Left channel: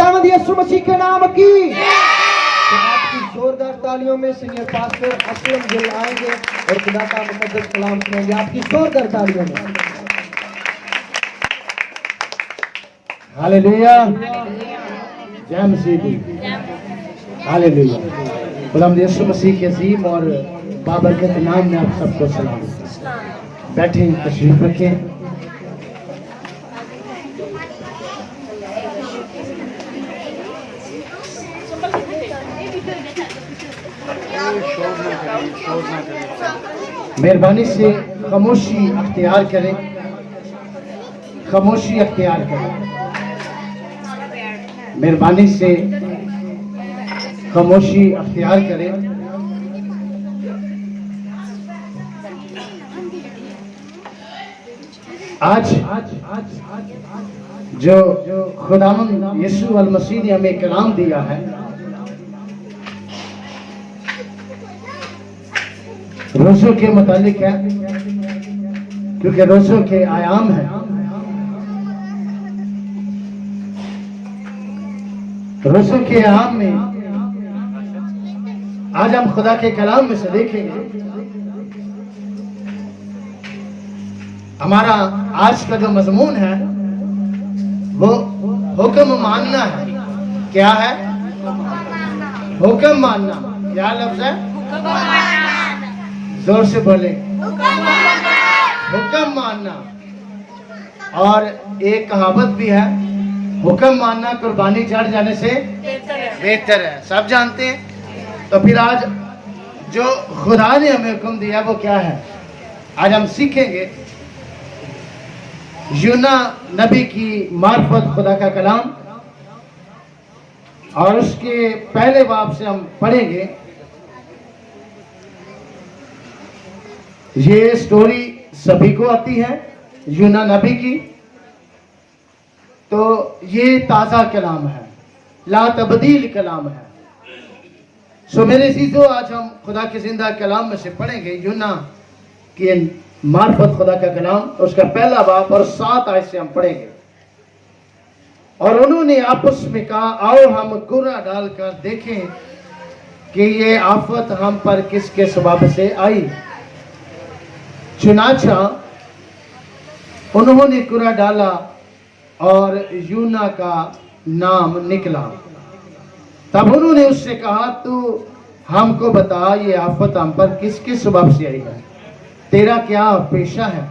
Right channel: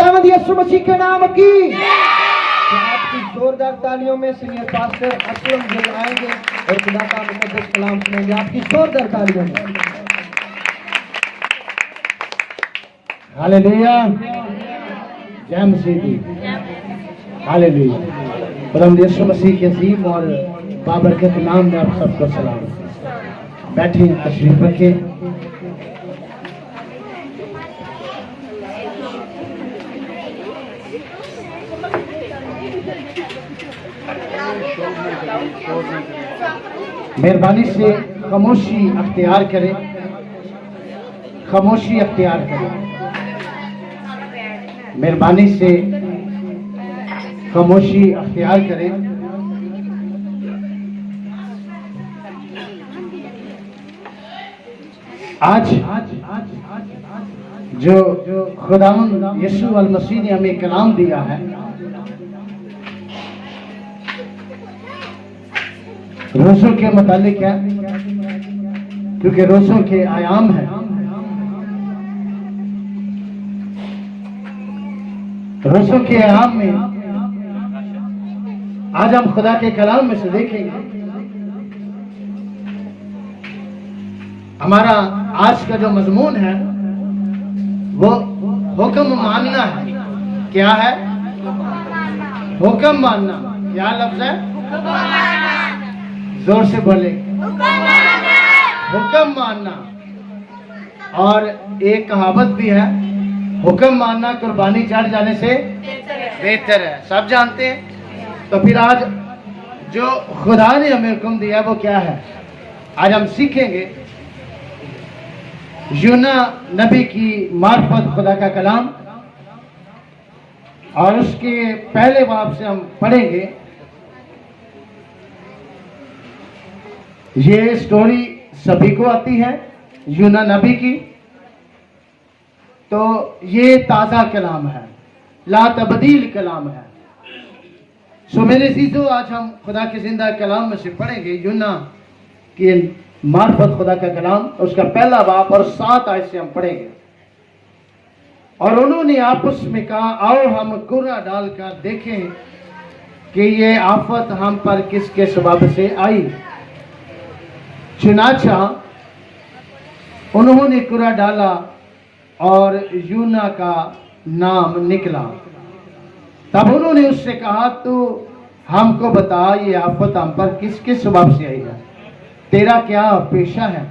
खुदावंद यीशु मसीह के नाम की। तो आपकी जोरदार तालियों में सीनियर पास्टर असलम गिल आएंगे और खुदा का मुकद्दस कलाम सुनेंगे। आपकी जोरदार तालियों में। हालेलुया, जय मसीह की। हालेलुया। खुदावंद यीशु मसीह के अजीम और बाबरकत नाम में आप सबको सलाम। बैठे, तशरीफ रखें। मेहरबानी से खामोशी अख्तियार करें, खामोशी अख्तियार करें। मेहरबानी से खामोशी अख्तियार करें। आज जो खुदावंद यीशु अल मसीह ने हमें कलाम दिया है, रोज़ों के मुतालिक है, क्योंकि रोज़ों के आयाम है। रोज़ों के आयाम में आज हम खुदा के कलाम में से देखेंगे। हमारा आज का जो मजमून है वो हुक्म मानना है। क्या है? हुक्म मानना। क्या लफ्ज है? जोर से बोले, हुक्म मानना। और एक कहावत भी है, हुक्म मानना कुर्बानी चढ़ जाने से बेहतर है। सब जानते हैं। तो फिर आज जो खुदा ने हमें हुक्म दिया वो क्या है? आज हम सीखेंगे यूना नबी की मार्फत खुदा का कलाम, और उसके पहले बाब से हम पढ़ेंगे। ये स्टोरी सभी को आती है यूना नबी की। तो ये ताज़ा कलाम है, ला तब्दील कलाम है। सो मेरे अज़ीज़ों, आज हम खुदा के जिंदा कलाम में से पढ़ेंगे यूना की मार्फत खुदा का कलाम, उसका पहला बाब और 7 आयत से हम पढ़ेंगे। और उन्होंने आपस में कहा, आओ हम कुरा डालकर देखें कि ये आफत हम पर किसके सबब से आई। चुनाचा उन्होंने कुरा डाला और यूना का नाम निकला। तब उन्होंने उससे कहा, तू हमको बता ये आफत हम पर किसके सबब से आई है? तेरा क्या पेशा है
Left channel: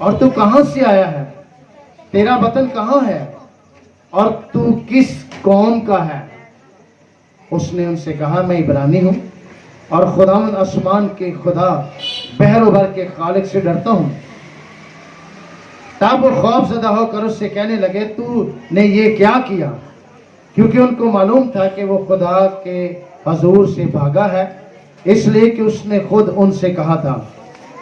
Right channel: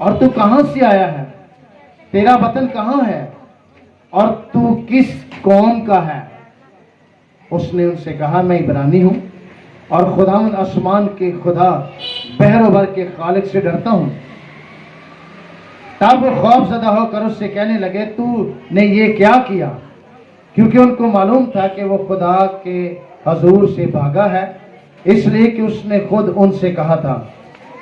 और तू कहां से आया है? तेरा वतन कहां है और तू किस कौम का है? उसने उनसे कहा, मैं इब्रानी हूं और खुदावंद आसमान के खुदा बहर भर के खालिक से डरता हूं। तब वो खौफजदा होकर उससे कहने लगे, तू ने ये क्या किया? क्योंकि उनको मालूम था कि वो खुदा के हजूर से भागा है, इसलिए कि उसने खुद उनसे कहा था।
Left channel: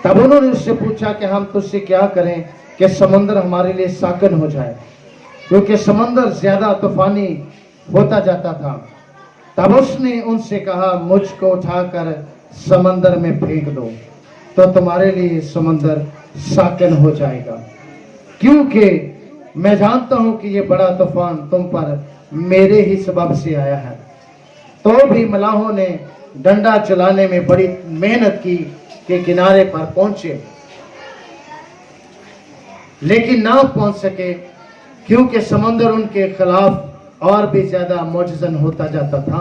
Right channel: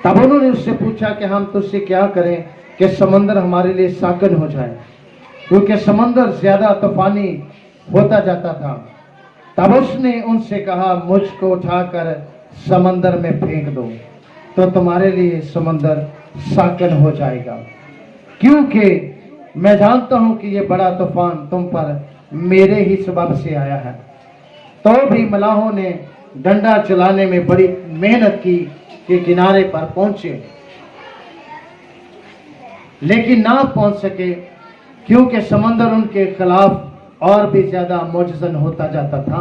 तब उन्होंने उससे पूछा कि हम तुझसे क्या करें कि समंदर हमारे लिए साकन हो जाए, क्योंकि समंदर ज्यादा तूफानी होता जाता था। तब उसने उनसे कहा, मुझको उठाकर समंदर में फेंक दो तो तुम्हारे लिए समंदर साकन हो जाएगा, क्योंकि मैं जानता हूं कि ये बड़ा तूफान तुम पर मेरे ही सबब से आया है। तो भी मलाहों ने डंडा चलाने में बड़ी मेहनत की कि किनारे पर पहुंचे, लेकिन ना पहुंच सके, क्योंकि समंदर उनके खिलाफ और भी ज्यादा मुअज्जज़न होता जाता था।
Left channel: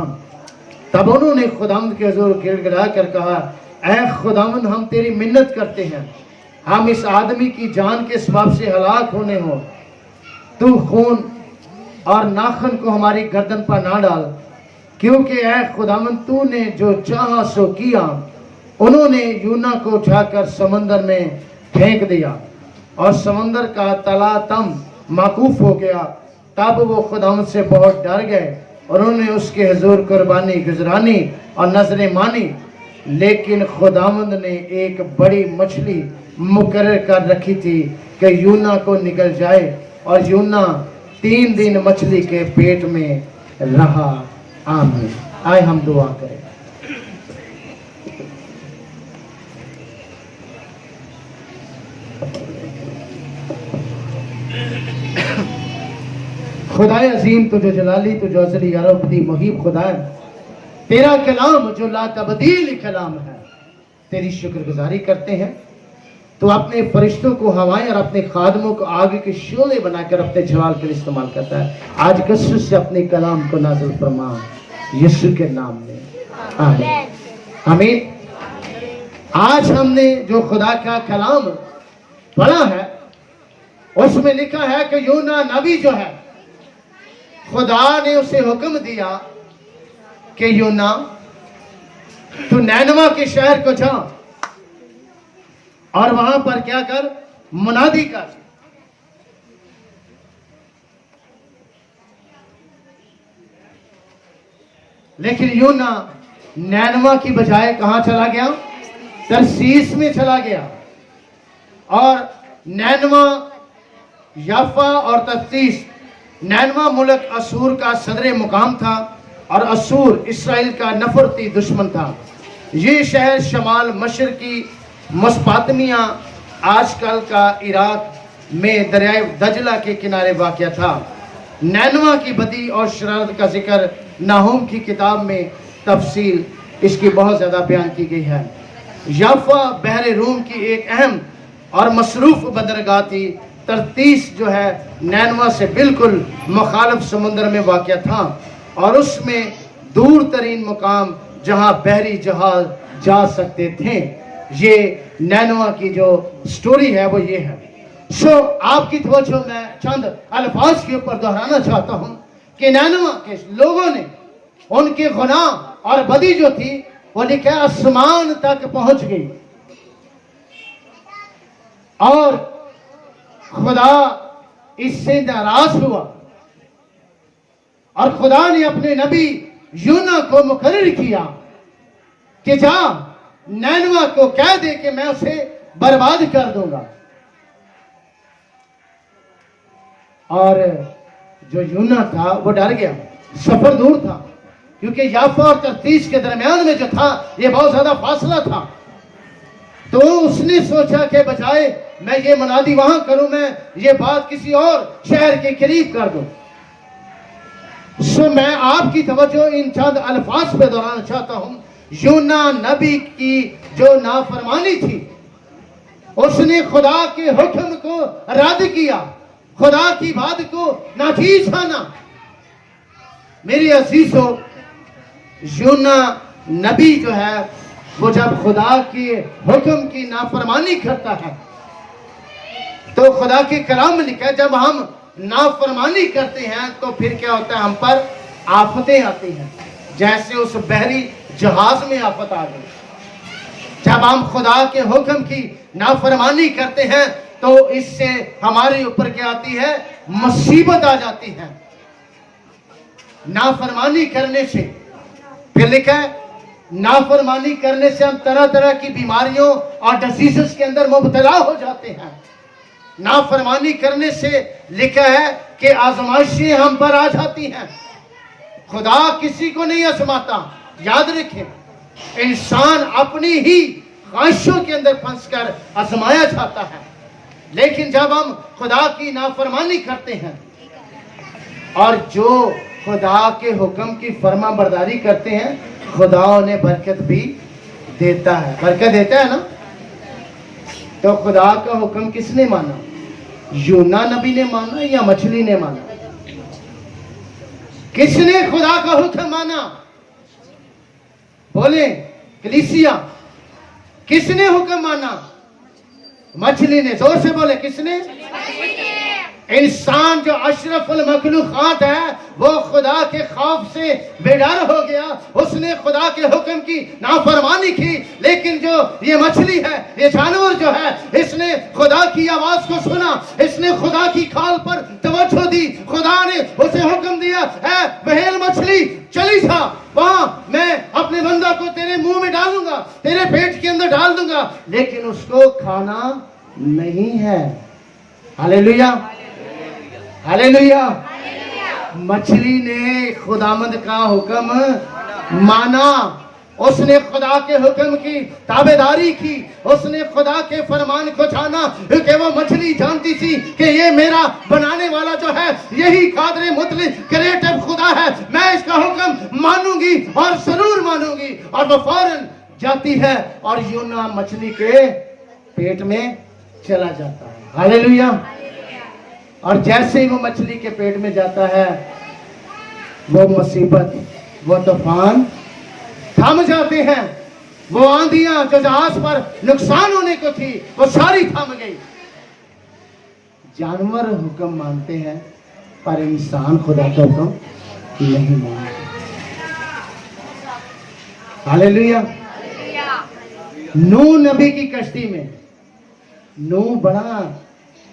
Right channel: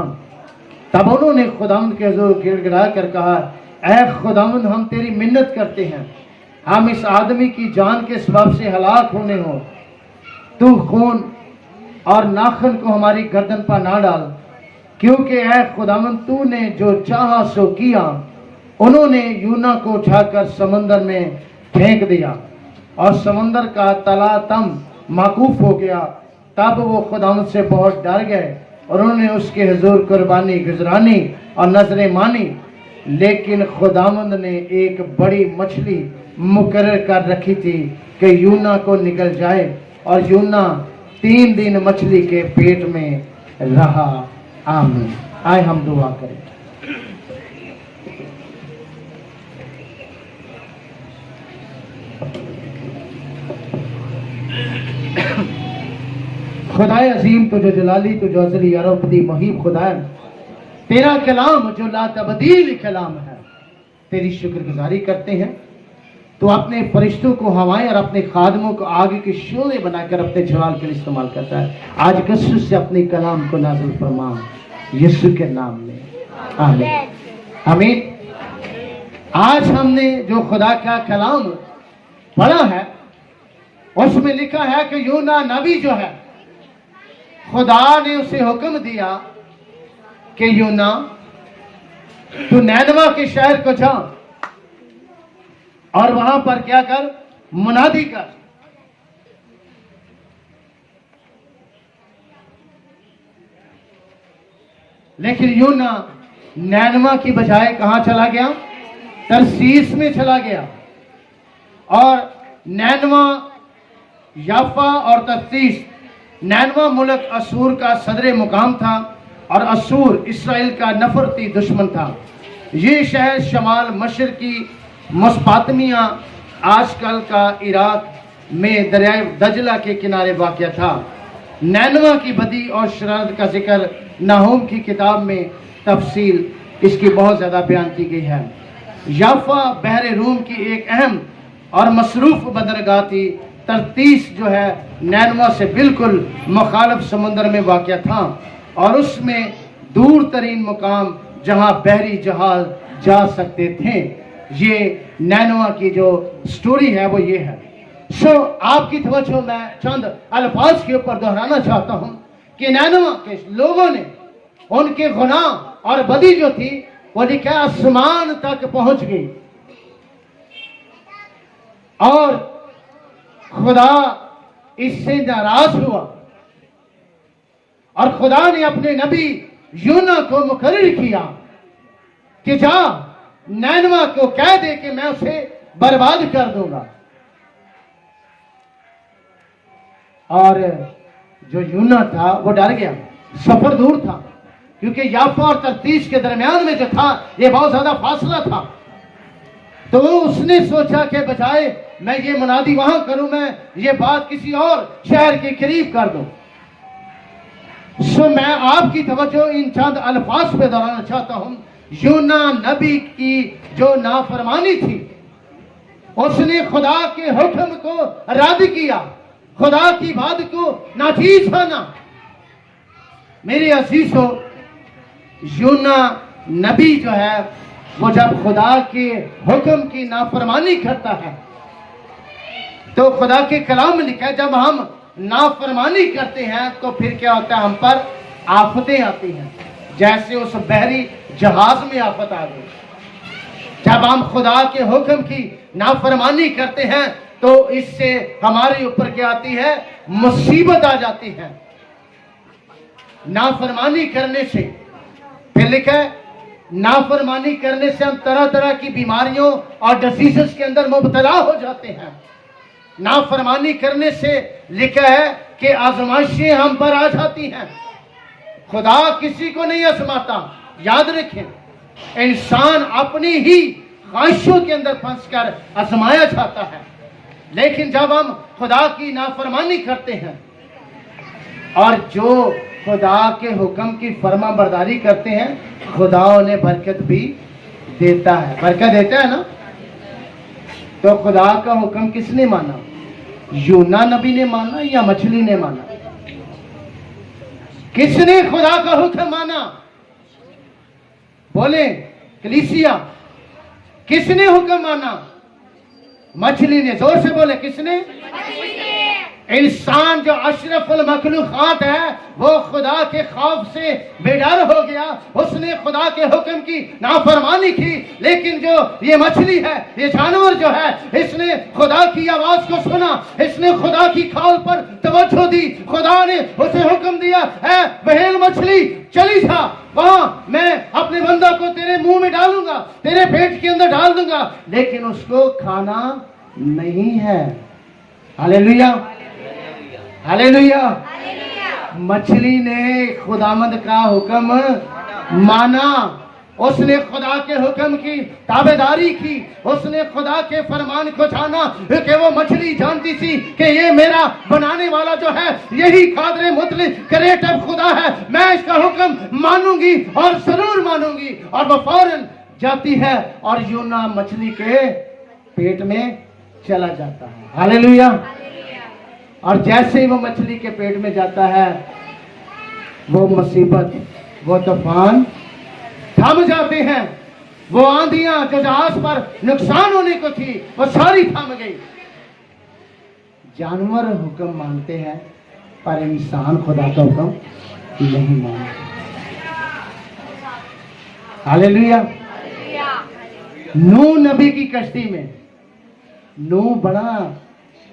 तब उन्होंने खुदावंद के हुजूर गिड़गिड़ा कर कहा, ऐ खुदावंद, हम तेरी मिन्नत करते हैं, हम इस आदमी की जान के सबब से हलाक होने हो। तू खून और नाखन को हमारी गर्दन पर ना डाल, क्योंकि ऐ खुदावंद, तूने जो चाहा सो किया। उन्होंने यूना को उठाकर समंदर में फेंक दिया और समंदर का तलातम माकूफ हो गया। तब वो खुदावंद से बहुत डर गए और उन्होंने उसके हुजूर कुर्बानी गुजरानी और नजरें मानी। लेकिन खुदावंद ने एक बड़ी मछली मुकर्रर कर रखी थी कि यूना को निकल जाए, और यूना 3 दिन मछली के पेट में रहा। आमीन। आए हम दुआ करें। खुदाए अजीम तुझो जलाली तुझो अजली अरबदी मुहीब खुदाए, तेरा कलाम जो ला तब्दील कलाम है, तेरी शुक्रगुजारी करते हैं। तो अपने फरिश्तों को हवाएं और अपने खादमों को आगे के शोले बनाकर अपने जलाल के लिए इस्तेमाल करता है। आज कसरत से अपने कलाम को नाज़िल फरमा यीशु के नाम में, आमीन आमीन। आज हमने जो खुदा का कलाम पढ़ा है उसमें लिखा है कि यूना नबी जो है, खुदा ने उसे हुक्म दिया कि यूना तू नैनवा के शहर को जा और वहां पर क्या कर, मुनादी कर। लेकिन यूना नैनवा की बजाय कहां चला गया, तरसीस में चला गया। और नैनवा, याफा और तरसीस, नैनवा मुल्क असूर का सदर मुकाम था और असूर इसराइल का नफरती दुश्मन था। ये शहर शमाल मशरकी मस्पातमिया, आजकल का इराक में दरियाए दजला के किनारे वाक़या था। नैनवा की बदी और शरारत का जिक्र नाहूम की किताब में तफसील इसकी बहुत ज़्यादा बयान की गई है। याफा बहरे रूम की एक अहम और मसरूफ़ बंदरगाह थी। तरतीस जो है नैनवा से बिल्कुल मुखालिफ समुद्र में वाक़या था और उसमें दूर तरीन मुकाम जहाँ बहरी जहाज जा सकते थे। ये नैनवा की जो स्टोरी है वो ये है। सो आपकी तवज्जो मैं चंद अल्फाज के ऊपर दोहराना चाहता हूँ कि नैनवा के लोगों ने उनके गुनाह और बदी जो थी वो लिखा आसमान तक पहुंच गई और खुदा इससे नाराज हुआ और खुदा ने अपने नबी यूना को मुकर्रर किया कि जा नैनवा को कह दे कि मैं उसे बर्बाद कर दूंगा। और जो यूना था वो डर गया, सफर दूर था क्योंकि याफा और तरतीस के दरमियान में जो था ये बहुत ज्यादा फासला था। तो उसने सोचा कि बजाय मैं ये मुनादी वहां करूं, मैं ये बात किसी और शहर के करीब कर दूं। सो मैं आपकी तवज्जो इन चंद अल्फाज पे दोहराना चाहता हूं। यूना नबी की जो नाफरमानी थी, उसने खुदा के हुक्म को रद्द किया, खुदा की बात को नाचीज माना। मेरे अजीजों, यूना नबी जो है वो जब खुदा के हुक्म की नाफरमानी करता है तो खुदा के कलाम में लिखा है जब हम नाफरमानी करते हैं तो फिर क्या होता है, हम पर आफतें आती हैं। जैसे उस बहरी जहाज में आफत आ गई। जब हम खुदा के हुक्म की नाफरमानी करते हैं तो इससे हमारे ऊपर क्या आती है, मुसीबत आ जाती है। नाफरमानी करने से, फिर लिखा है नाफरमानी करने से हम तरह तरह की बीमारियों और डिसीजेस के अंदर मुब्तला हो जाते हैं। नाफरमानी करने से लिखा है कि आजमाइशें हम पर आ जाती हैं। खुदा किसी को नहीं आजमाता, याद रखें। इंसान अपनी ही ख्वाहिशों के अंदर फंसकर आजमाया जाता है। लेकिन जब हम खुदा की नाफरमानी करते हैं और जो खुदा के हुक्म की फर्मा बरदारी करते हैं, खुदा उन्हें बरकत भी देता है, बरकत देता है ना। तो खुदा का हुक्म किसने माना, यूना नबी ने माना या मछली ने माना? किसने खुदा का हुक्म माना? बोले कलीसिया। किसने हुक्म माना? मछली ने। जोर से बोले किसने? इंसान जो अशरफुल मखलूकात है वो खुदा के खौफ से बेडर हो गया, उसने खुदा के हुक्म की नाफरमानी की। लेकिन जो ये मछली है, ये जानवर जो है, इसने खुदा की आवाज को सुना, इसने खुदा की कॉल पर तवज्जो दी। खुदा ने उसे हुक्म दिया, है बहेल मछली चली जा, वहां मैं अपने बंदा को तेरे मुंह में डालूंगा, तेरे पेट के अंदर डाल दूंगा, लेकिन उसको खाना नहीं है। Hallelujah, hallelujah. मछली ने खुदामंद का हुक्म माना। उसने खुदा के हुक्म की ताबेदारी की, उसने खुदा के फरमान को जाना कि वो मछली जानती थी कि ये मेरा बनाने वाला जो है यही कादरे मुतलिक क्रिएटिव खुदा है, मैं इसका हुक्म मानूंगी और जरूर मानूंगी। और वो फौरन जाती है और यूना मछली के पेट में चला जाता है। हालेलुया। और जैसे ही वो मछली के पेट में जाता है, वो मुसीबत, वो तूफान थम जाते हैं। वो आंधियां जो जहाज पर नुकसान होने को थी वो सारी थम गई। जानवर हुक्म मानते हैं पर इंसान खुदा का हुक्म नहीं मानते। हालेलुया। नूह नबी की कश्ती में नूह बड़ा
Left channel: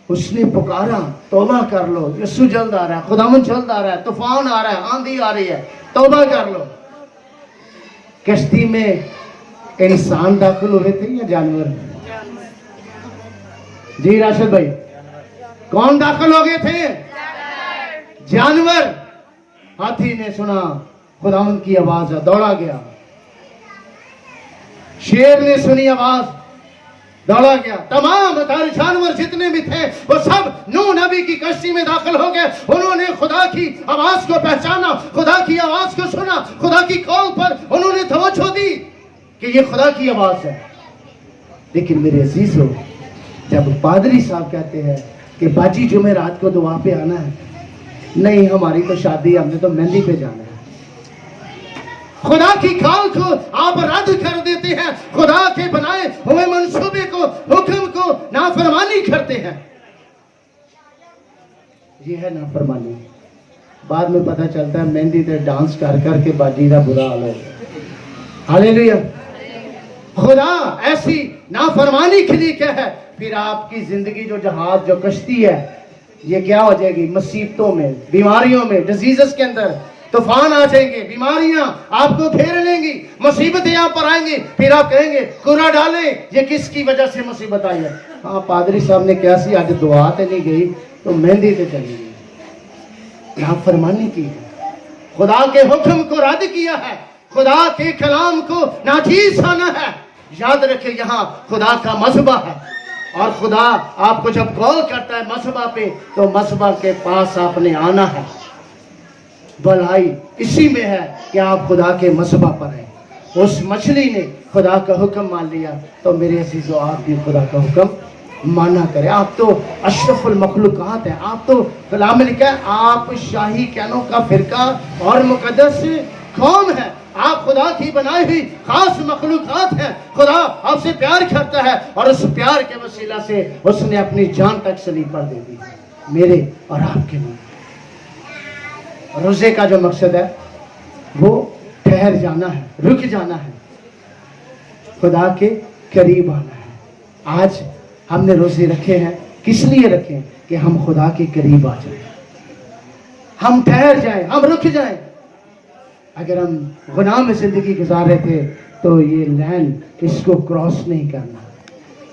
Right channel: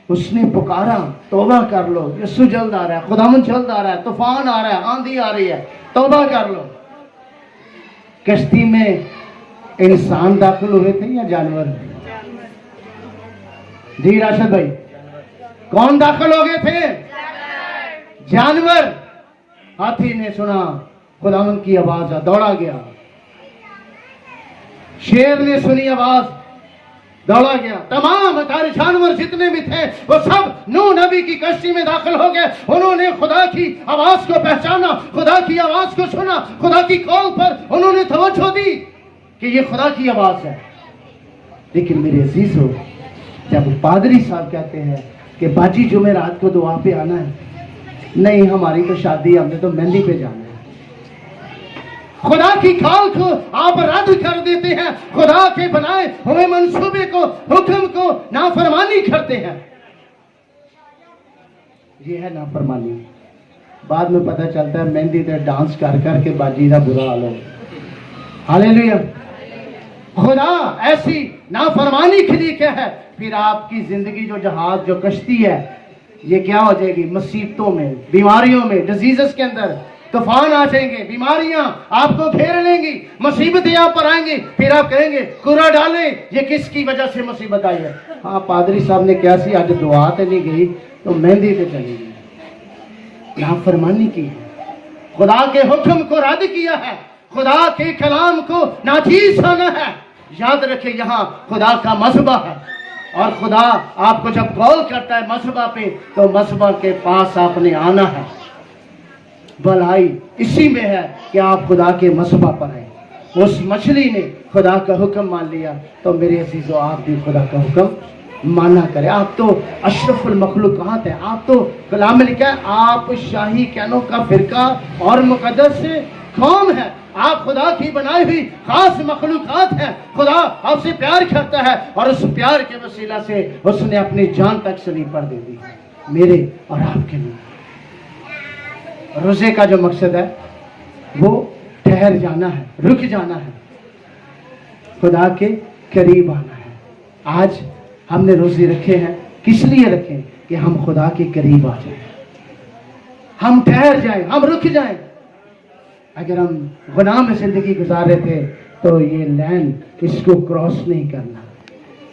उसने पुकारा, तौबा कर लो, यीशु जल्द आ रहा है, खुदावन जल्द आ रहा है, तूफान आ रहा है, आंधी आ रही है, तौबा कर लो। कश्ती में इंसान दाखिल हुए थे या जानवर? जी राशिद भाई, कौन दाखिल हो गए थे? जानवर। हाथी ने सुना खुदावन की आवाज है, दौड़ा गया। शेर ने सुनी आवाज, दौड़ा गया। तमाम सारे जानवर जितने भी थे वो सब नूह नबी की कश्ती में दाखिल हो गए। उन्होंने खुदा की आवाज को पहचाना, खुदा की आवाज को सुना, खुदा की कॉल पर उन्होंने तवज्जो दी कि ये खुदा की आवाज है। लेकिन मेरे अजीजों, जब पादरी साहब कहते हैं कि बाजी जुमेरात को दुआ पे आना है, नहीं हमारी तो शादी, हमने तो मेहंदी पे जाना है। खुदा की कॉल को आप रद्द कर देते हैं, खुदा के बनाए हुए मंसूबे को, हुक्म को नाफरमानी करते हैं। ये है नाफरमानी। बाद में पता चलता है मेहंदी पे डांस कर करके बाजी का बुरा हाल हो। हालेलुया। खुदा ऐसी नाफरमानी के लिए क्या है? फिर आपकी जिंदगी जो जहाज, जो कश्ती है, ये क्या हो जाएगी? मुसीबतों में, बीमारियों में, डिजीजेस के अंदर तूफान आ जाएंगे, बीमारियां आपको घेर लेंगी, मुसीबतें आप पर आएंगी। फिर आप कहेंगे कुरा डालें, ये किसकी वजह से मुसीबत आई है? हाँ, पादरी साहब ने क्या सी आज दुआ ते नहीं गई तो मेहंदी पे चली गई। नाफरमानी की है, खुदा के हुक्म को रद्द किया है, खुदा के कलाम को नाचीज होना है। याद रखें, यहाँ खुदा का मसबा है और खुदा आपको जब कॉल करता है मसबा पे, तो मसबा के पास आपने आना है। भलाई इसी में है कि आप खुदा के मसबा पर आए। उस मछली ने खुदा का हुक्म मान लिया, तो मेरे अजीजों आप भी खुदा का हुक्म माना करें। आप तो अशरफुल मखलूकात हैं, आप तो कलाम में लिखा है आप शाही कहनों का फिरका और मुकद्दस कौम है। आप खुदा की बनाई हुई खास मखलूकात हैं। खुदा आपसे प्यार करता है और उस प्यार के वसीला से उसने अपनी जान तक सलीब पर दे दी, मेरे और आपके लिए। रोजे का जो मकसद है वो ठहर जाना है, रुक जाना है, खुदा के करीब आना है। आज हमने रोजे रखे हैं, किस लिए रखे? कि हम खुदा के करीब आ जाएं, हम ठहर जाएं, हम रुक जाएं। अगर हम गुनाह में जिंदगी गुजार रहे थे तो ये लाइन, इसको क्रॉस नहीं करना,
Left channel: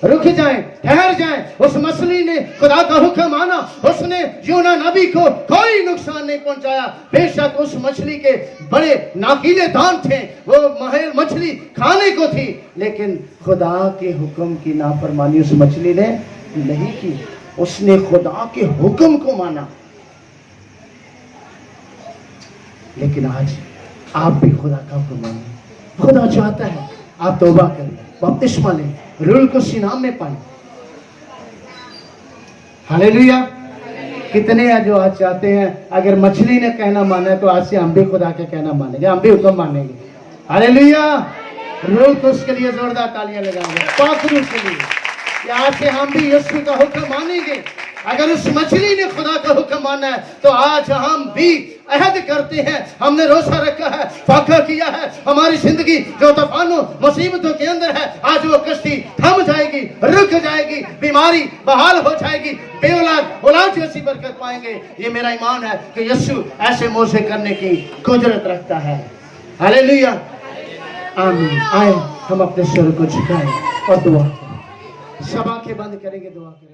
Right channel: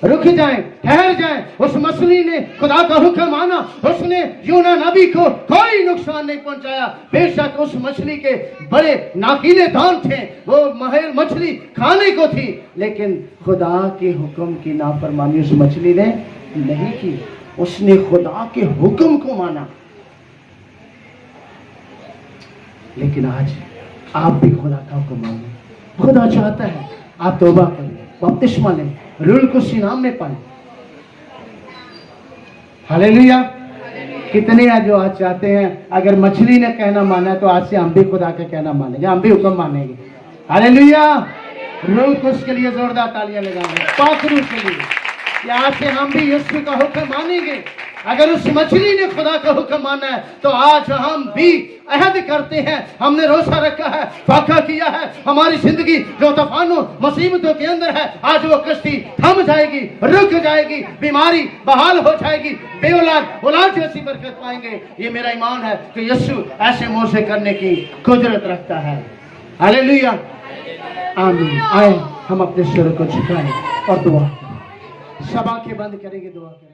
रुक जाएं, ठहर जाएं। उस मछली ने खुदा का हुक्म माना, उसने यूना नबी को कोई नुकसान नहीं पहुंचाया। बेशक उस मछली के बड़े नाकीले दांत थे, वो मछली खाने को थी, लेकिन खुदा के हुक्म की नाफरमानी उस मछली ने नहीं की। उसने खुदा के हुक्म को माना। लेकिन आज आप भी खुदा का हुक्म मानिए। खुदा चाहता है आप तौबा करें, बपतिस्मा लें, रूल को सीनाम में पाएं। हालेलुया। कितने हैं जो आज चाहते हैं अगर मछली ने कहना माना है तो आज से हम भी खुदा का कहना मानेंगे, हम भी हुक्म मानेंगे। हालेलुया। रूल को उसके लिए जोरदार तालियां लगाएंगे, पाखरू के लिए कि आज से हम भी यीशु का हुक्म मानेंगे। अगर उस मछली ने खुदा का हुक्म माना है तो आज हम भी अहद करते हैं, हमने रोजा रखा है, फाका किया है। हमारी जिंदगी जो तूफानों मुसीबतों के अंदर है, आज वो कश्ती थम जाएगी, रुक जाएगी, बीमारी बहाल हो जाएगी, बेऔलाद औलाद जैसी बरकत पाएंगे। ये मेरा ईमान है कि यीशु ऐसे मोजे करने की कुदरत रखता है। हालेलुया। आमीन। आए हम अपने सिर को झुकाएं और दुआ करें। सभा के बंद करेंगे, दुआ करें।